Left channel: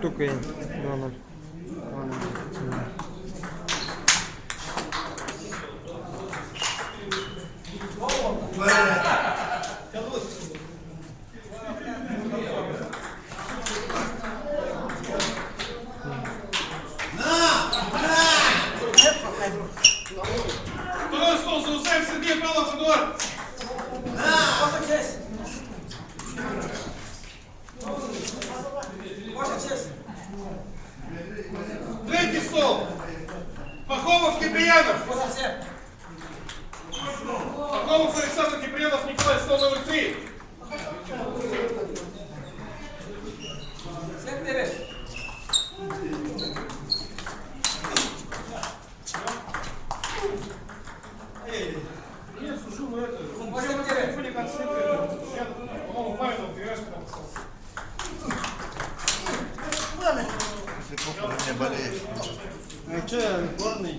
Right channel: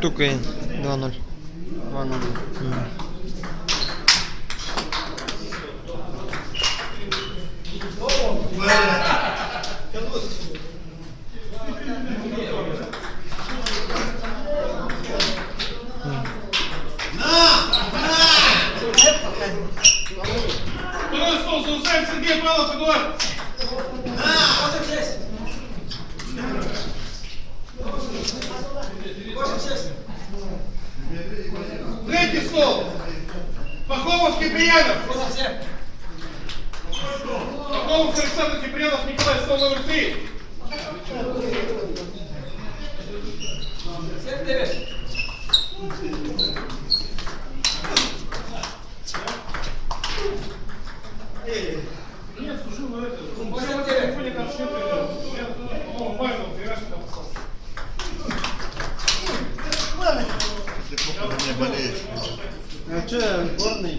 Тукай 2-0. 2-0. Сергей Павлов, Эдуард! Третий стол! Пахомов, Киприянов! Пахомов, Александр Киприянов, Николай, стол номер 3! Нет, служил на это. Он телефоне там смотрел. Я, по-моему, Павел, пирожки там остался. Ты плохо не болеешь. Ну что, горный?